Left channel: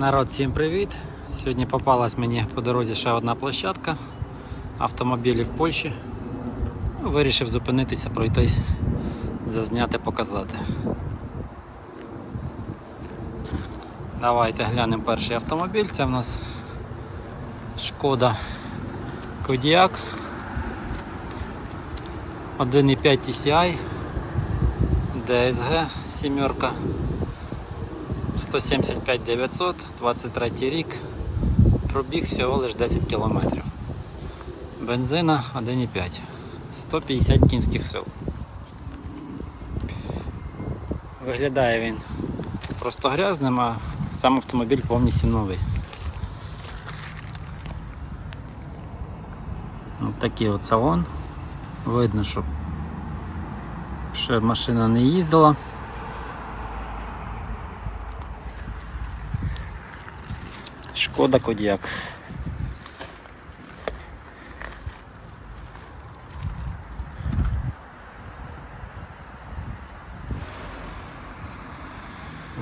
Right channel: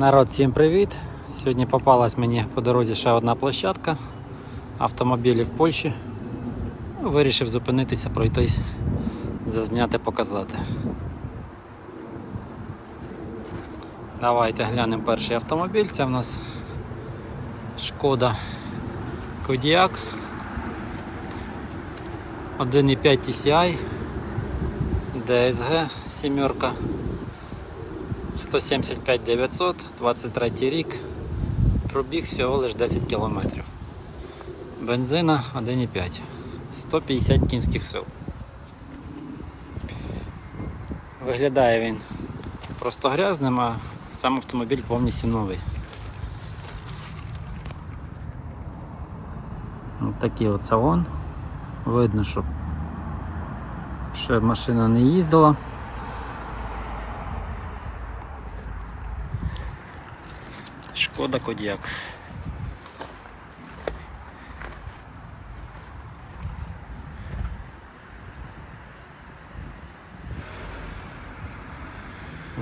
Народ, всім привіт! Сьогодні попалась мені по дорозі ще одна площадка автомобілів в Польщі. Ну, Вирішив зупинитися, пройтись, зазняти, показати. Давайте глянемо перший автомобіль. Це в нас Шкода Кодіак 1.5 TCI DSG сімерка 175 900, 23 рік, пробіг всього лише 10 кілометрів. Бензина 1,5, 150 кінських сил. Виглядає він просто грязним, а сам автомобіль повністю новий. Ось такий от салон. Видно, що ще машина не їздила. Шкода Кодіак.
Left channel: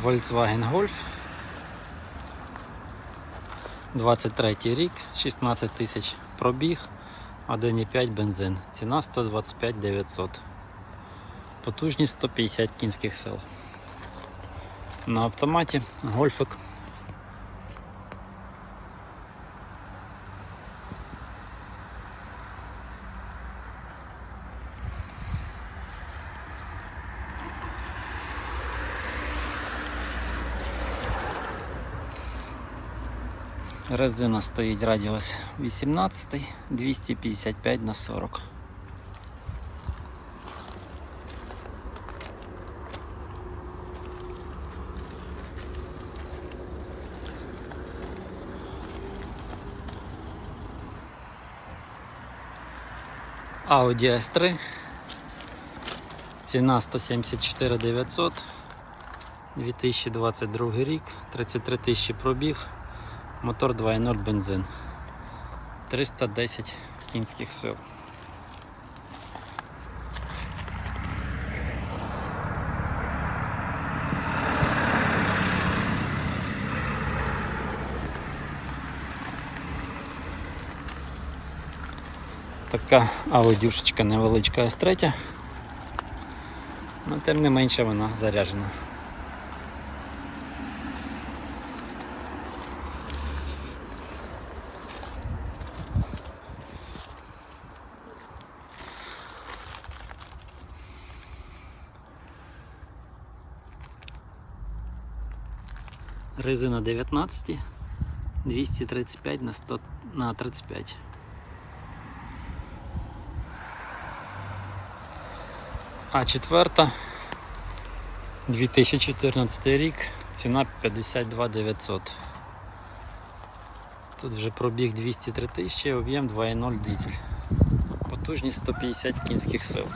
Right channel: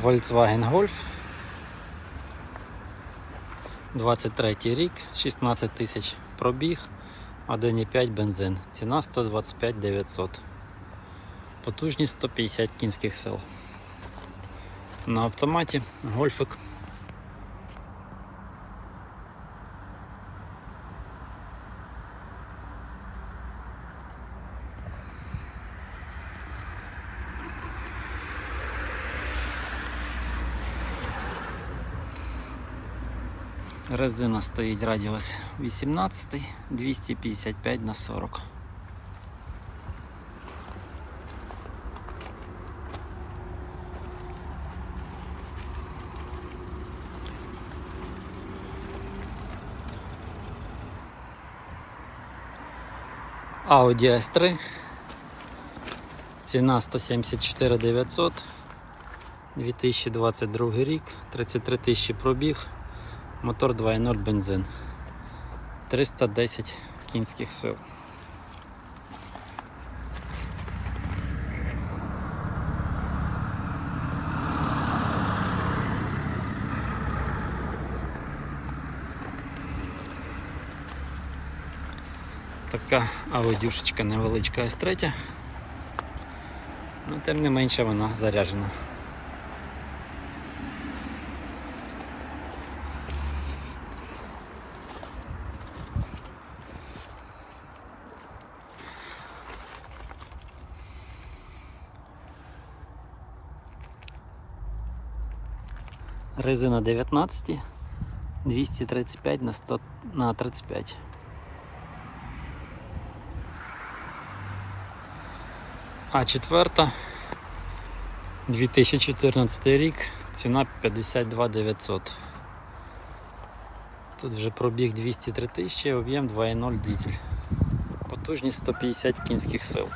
Volkswagen Golf. 23 рік, 16 тисяч пробіг, 1,5 бензин. Ціна 125 900. Потужність 150 кінських сил. На автоматі гольфик Резина стоїть радіус 18, 255 на 40. Audi S3. Ціна 174 900. 2022 рік, 33 тисячі пробіг. Мотор 2.0 бензин. 310 кінських сил. Така аудюшечка невеличка С3. Ну, тим не менше вона заряджена. Резина 19, 235 на 100 на 35. А четверта 2014 рік, ціна 52 900. Тут вже пробіг 203 тисячі, об'єм 2.0 дизель. Потужність 150 кінських сил.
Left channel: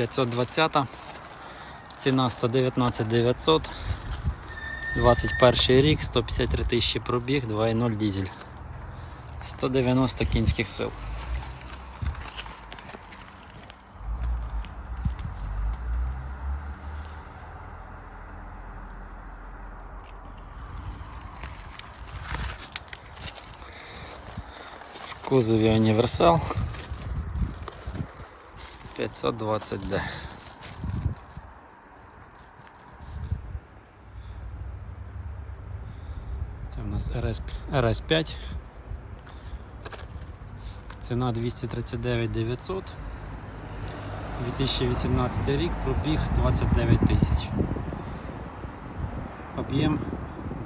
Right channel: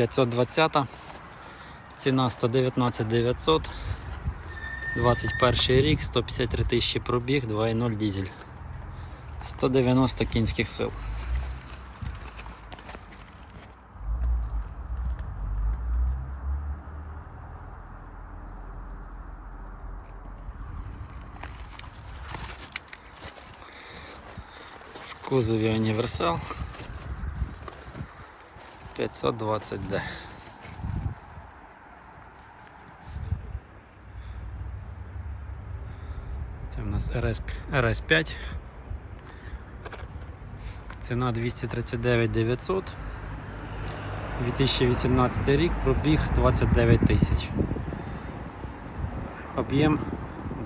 520, ціна 119 900, 21 рік, 153 тисячі пробіг, 2.0 дизель, 190 кінських сил. Кузові універсал 520D. Це в нас RS, RS5. Ціна 239 900. 2018 рік, пробіг 29 тисяч. Об'єм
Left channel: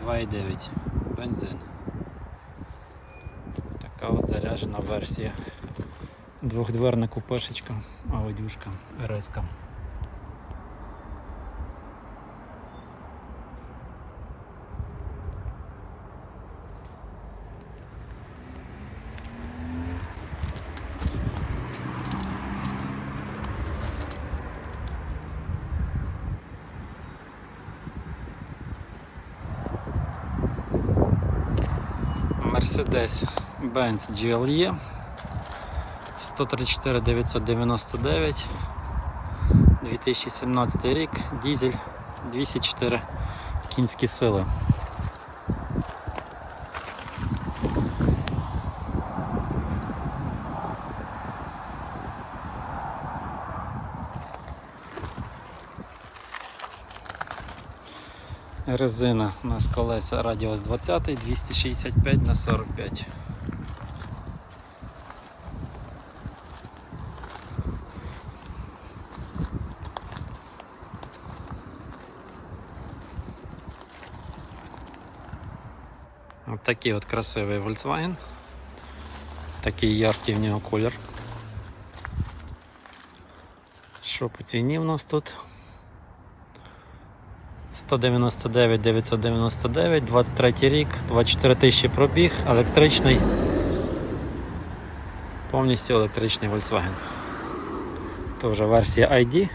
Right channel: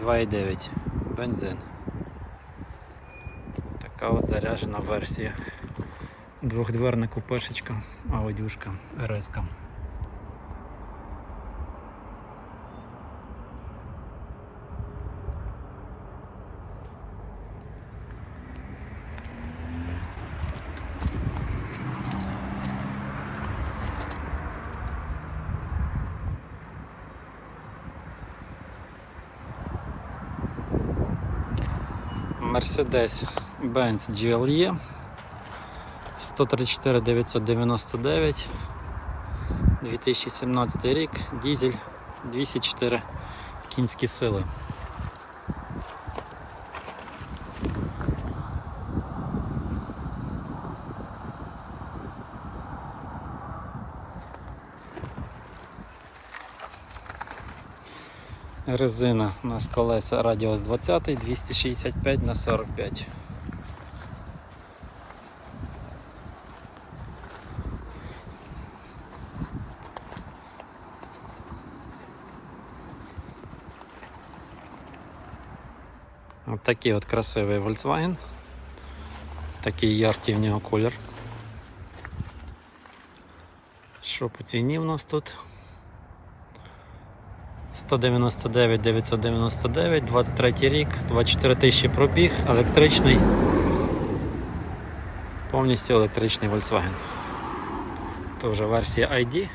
2,9 бензин. Така от заряджена версія. Двохдверна купешечка, аудюшка, РСка. Мерседес Benz GLE 134 999 2017 рік, дізель 204 кінські сили. Резина у нас колеса радіус 20 265 на 45. Такий от красивий Volkswagen. Такий яркий в нього колір. Що по ціні в нас тут? 199 999, 23 рік, 24 тисячі пробіг, електричний. Повністю електричний Volkswagen. Це вже версія ID.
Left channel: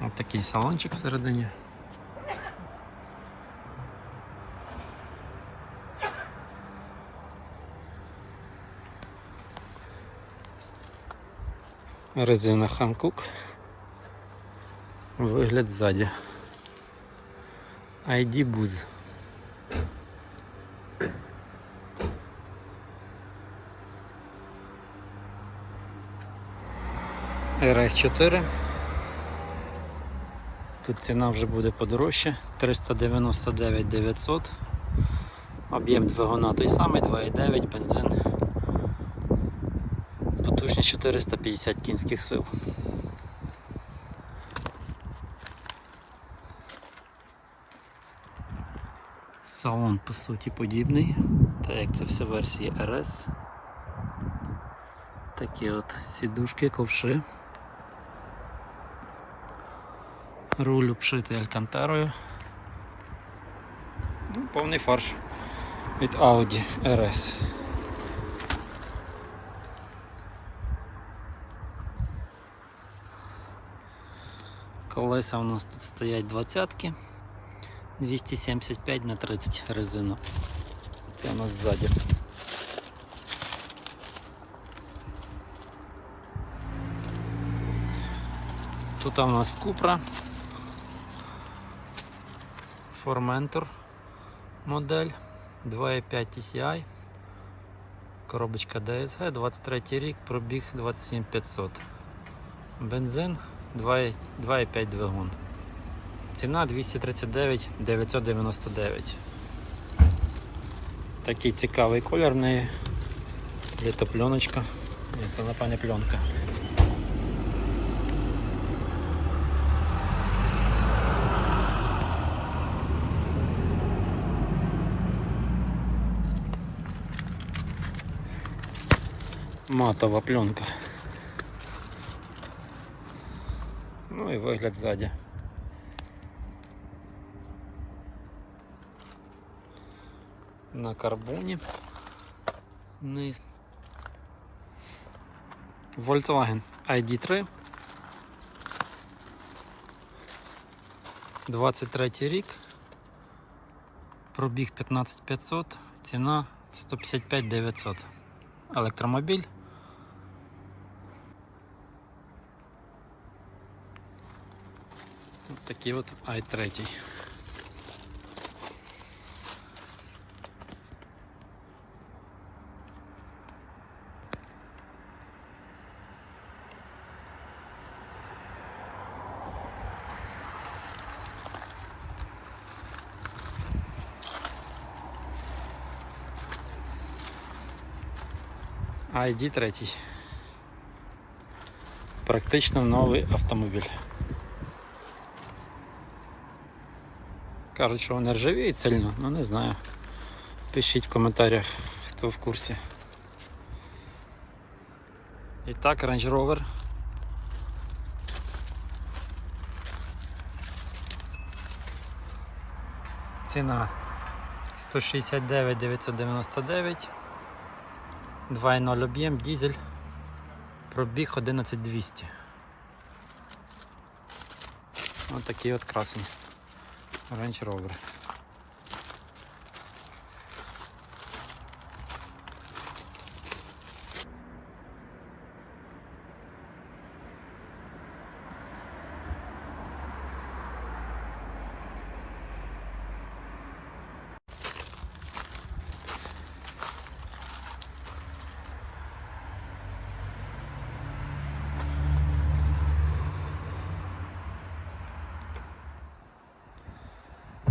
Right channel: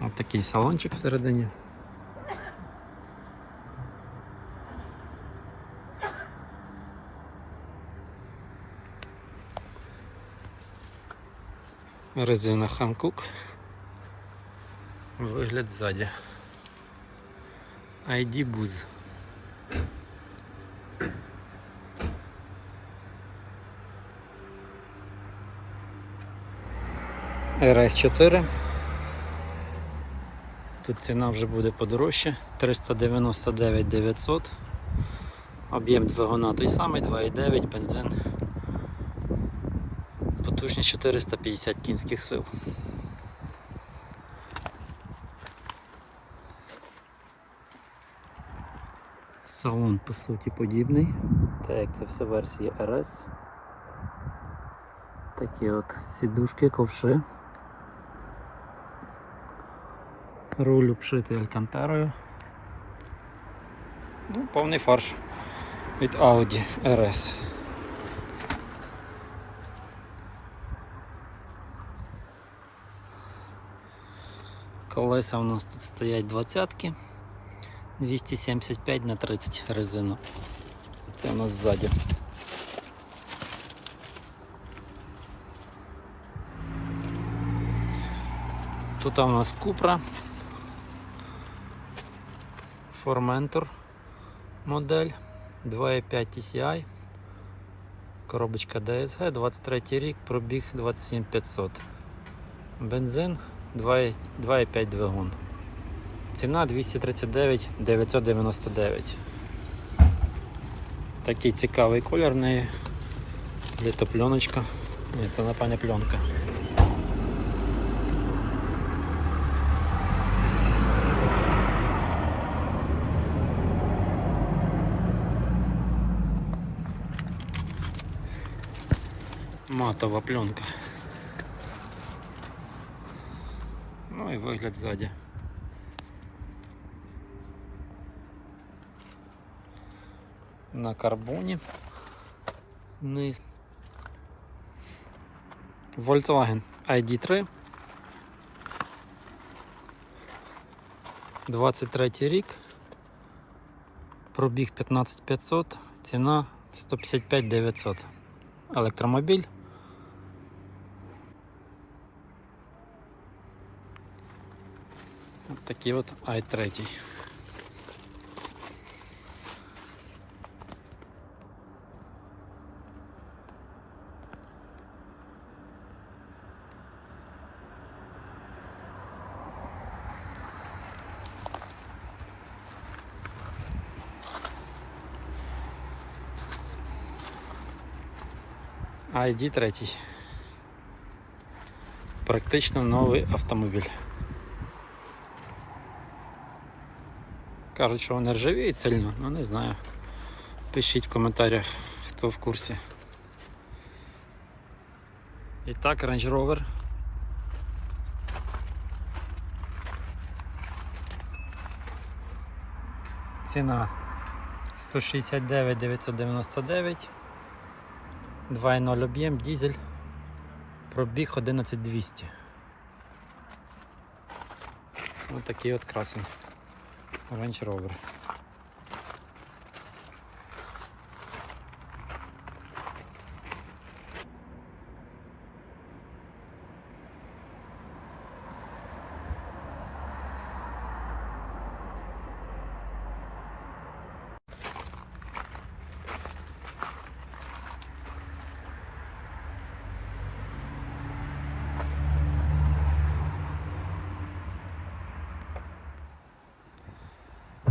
Ось такий салончик всередині. Резина Hankook. Вигляд ззаді. ID Buzz. RS4. Тут ціна вже буде подорожче. 399 900. Об'єм двигуна той самий, 2,9 бензин. Потужність 450 кінських сил. Салон по суті подібний, так як це все версії RS. Такі от сідушки, ковши. Руль обшитий алькантарою. Ну, повний фарш від Audi RS. Колеса у нас тут стоять двадцятки. 275 на 30 резину. Це у нас ззаді. Тут у нас Купра. Formentor модель 2.5 TCI. Коробочка DSG, 23 рік, пробіг 27500. Бензин 2,5 двигун. Ціна 239 999. Такий цікавий колір в неї. Літопленочка. Ні, це напевне пленка. Матова пленка. Ну і вигляд ззаді. на карбоні. Низ. Volkswagen ID3. 23 рік. Пробіг 15500, ціна 155 900. Електромобіль. Такий от i3. ID третій. Практично новий автомобіль. Кажуть, що вони ржавіють сильно, ну не знаю. Пишіть в коментарях, хто в курсі. І так, Range Rover. Ціна 169 999 2.0 об'єм, дізель, пробіг 11200. Ось такий от красень. Range Rover.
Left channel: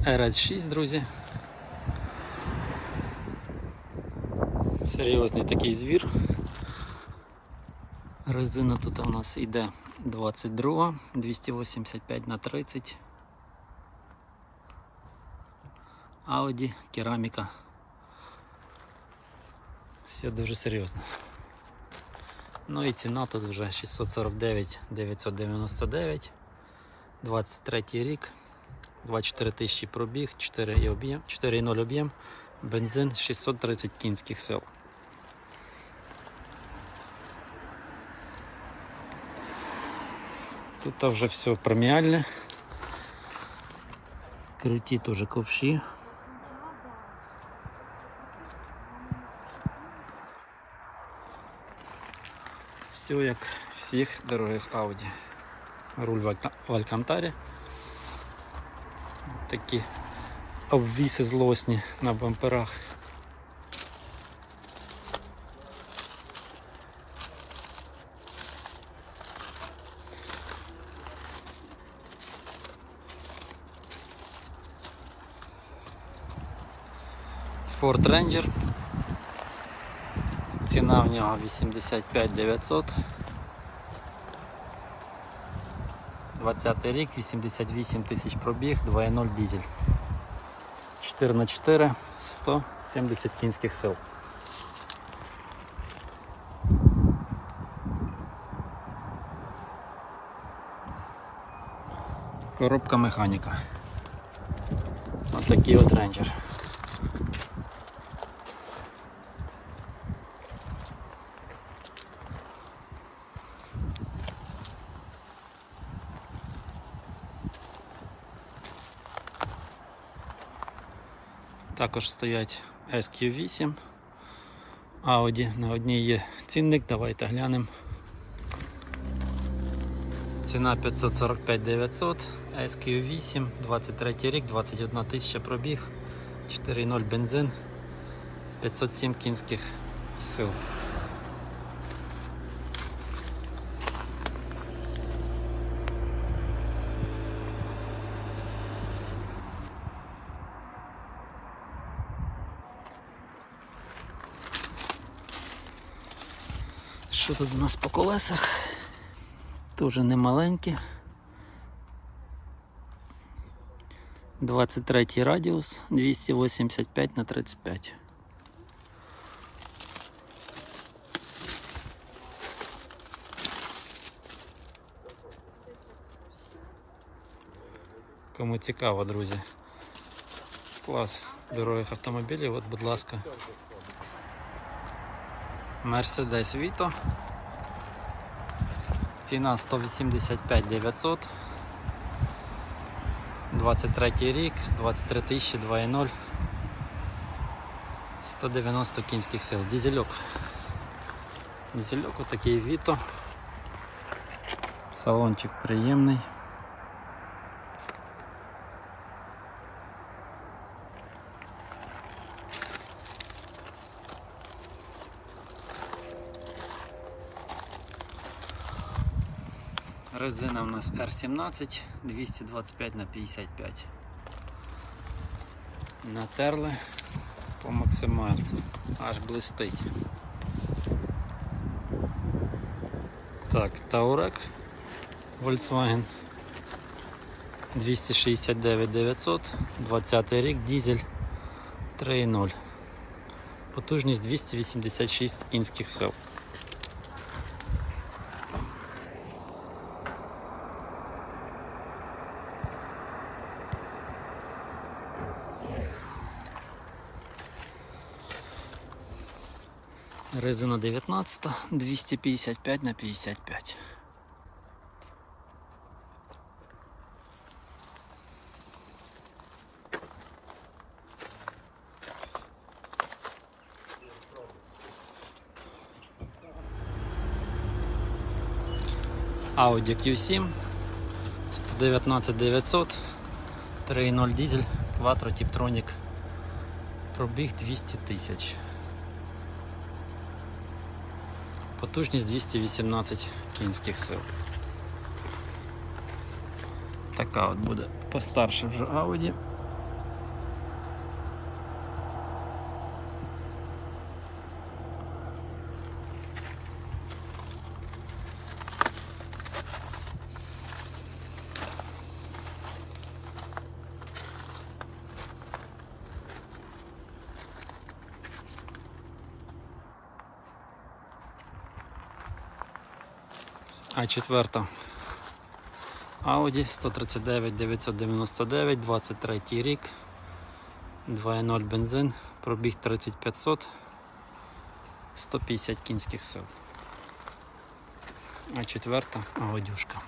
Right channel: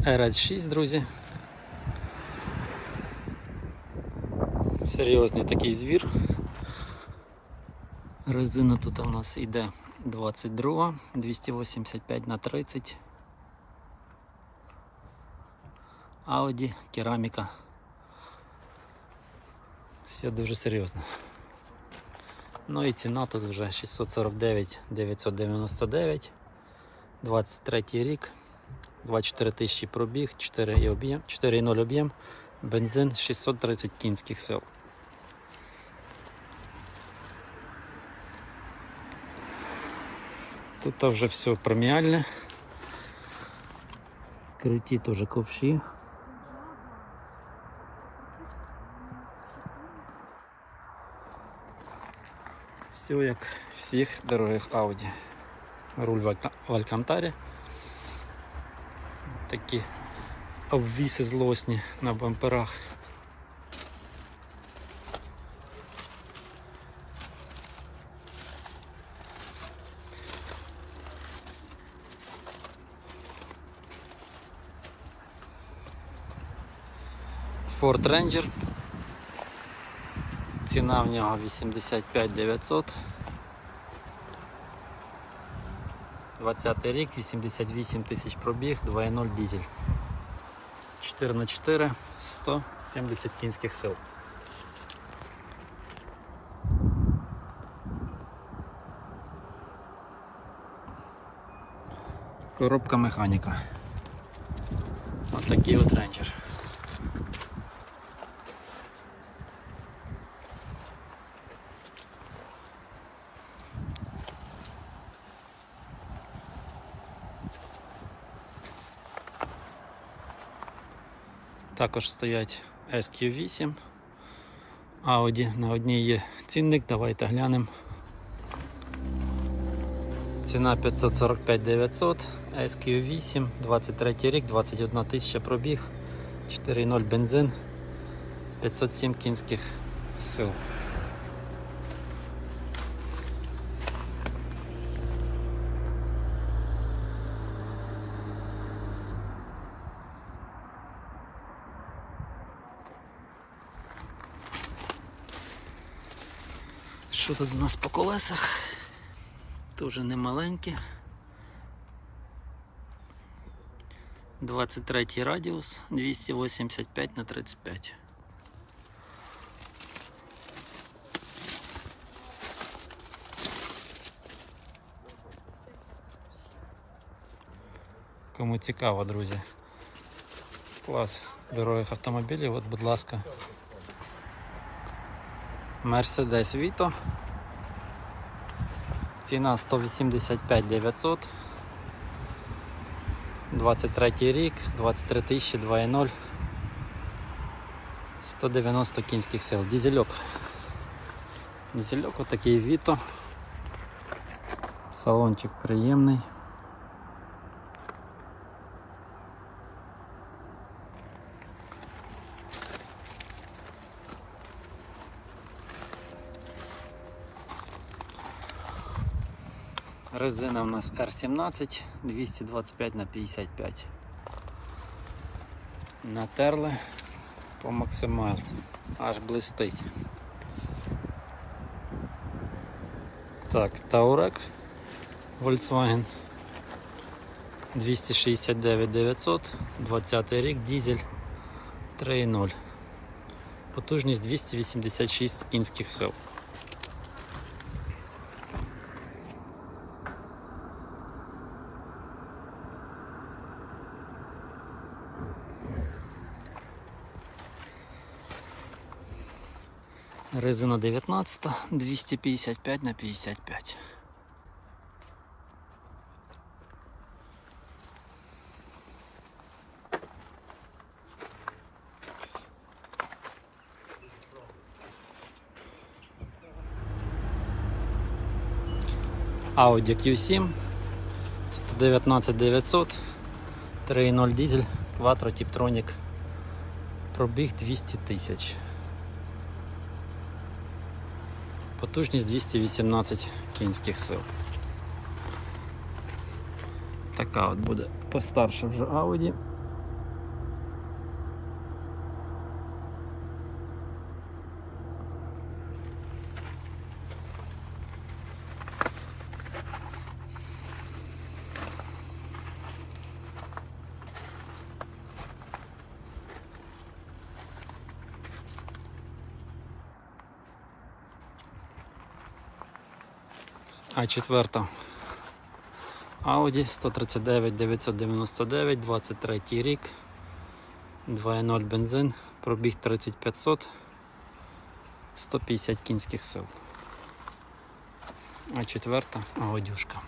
RS6, друзі. Серйозний такий звір. Резина тут у нас йде 22, 285 на 30. Audi, кераміка. Все дуже серйозно. Ну і ціна тут вже 649 999. 23 рік. 24 тисячі пробіг, 4 і об'єм, 4,0 об'єм, бензин 630 кінських сил. Тут вже все преміальне. Круті теж ковші. Все як всіх дорогих Audi. Руль в Алькантарі. Такі обвіси злосні на бамперах. Ford Ranger. Ціна в нього 85 900. 20 рік, 88 тисяч пробіг, 2.0 дизель. 4 на 4 170 кінських сил. Коробка механіка. Отакий от рейнджер. Також стоять SQ8. Audi на одній є цінник, давайте глянемо. Ціна 545 900, SQ8, 23 рік, 21 тисяча пробіг, 4.0 бензин, 507 кінських сил. Що тут у нас по колесах? Тоже не маленькі. 23 радіус, 285 на 35. Кому цікаво, друзі. Клас дорогих автомобілів, от, будь ласка. Mercedes Vito. Ціна 185 900. 23 рік, 23 тисячі, 2.0. 190 кінських сил. Дізельок. Дізельок отакий Vito. Салончик приємний. Резина у нас R17 225 на 55. Натерли по максимальці. Аж блистить. Так, Таурек Volkswagen 269 900, 20 рік, дизель 3.0. Потужність 286 кінських сил. Резина 19, 255 на 55. Audi Q7 119 900 3.0 дизель Quattro Tiptronic пробіг 200 тисяч Потужність 218 кінських сил. Така от буде постарше вже Audi. А четверта Audi 139 999, 23 рік, 2.0 бензин, пробіг 3500, 150 кінських сил. А четверта Аудюшка.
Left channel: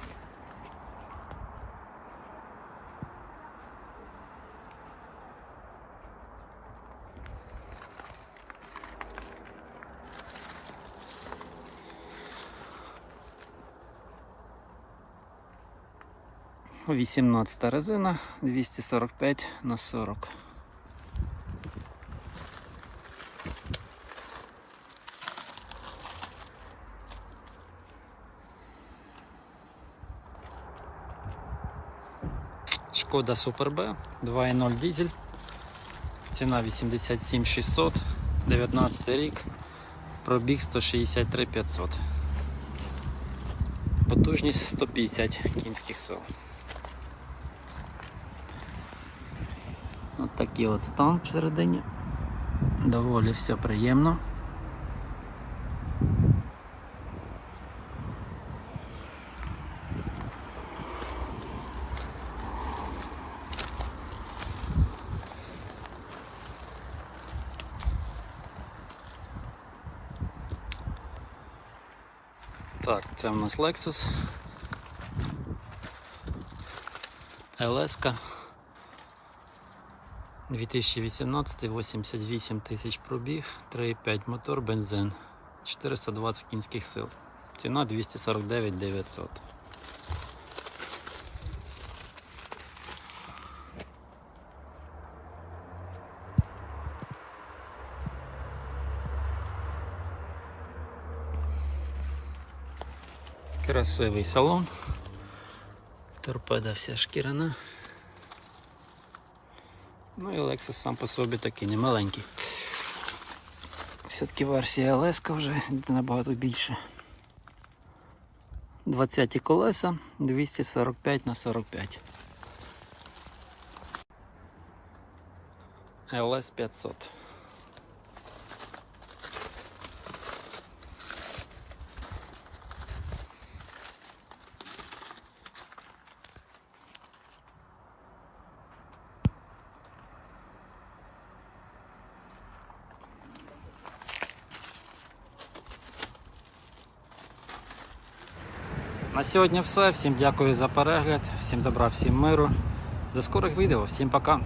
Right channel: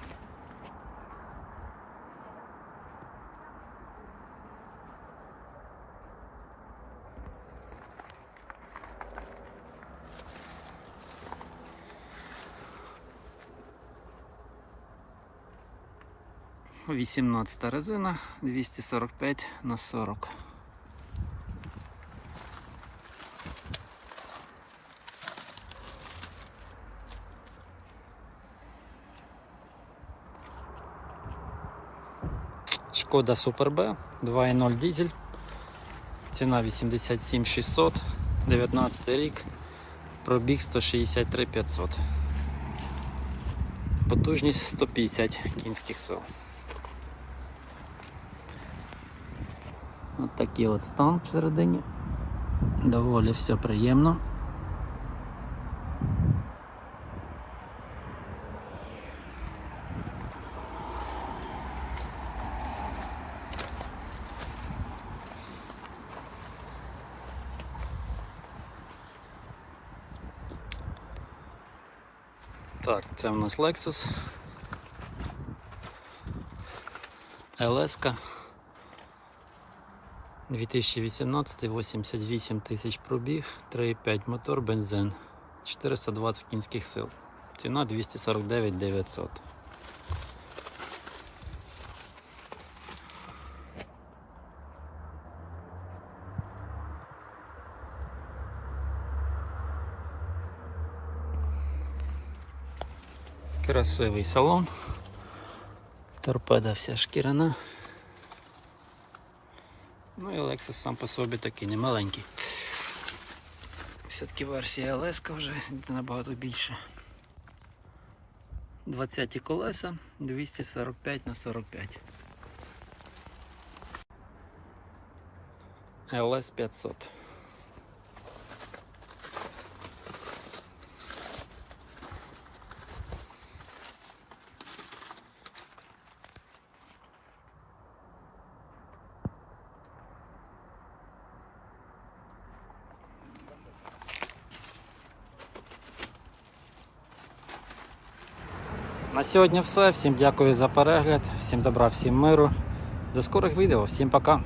Вісімнадцята резина 245 на 40. Шкода Супер Б 2.0 дизель. Ціна 87 600, 19 рік, пробіг 163 500. Потужність 150 кінських сил. От такий от стан всередині. Доволі все приємно. Так, це у нас Lexus. LS. 2018 88 тисяч пробіг, 3,5 мотор, бензин, 420 кінських сил. Ціна 249 900. Красивий салон. Торпеда вся шкіряна. Ну і Lexus сам по собі такий не маленький. Все-таки версія LS вже набагато більша. 20 колеса 245 на 45. LS 500. На сьогодні все. Всім дякую за перегляд, всім добра, всім миру. До скорих відео, всім пока.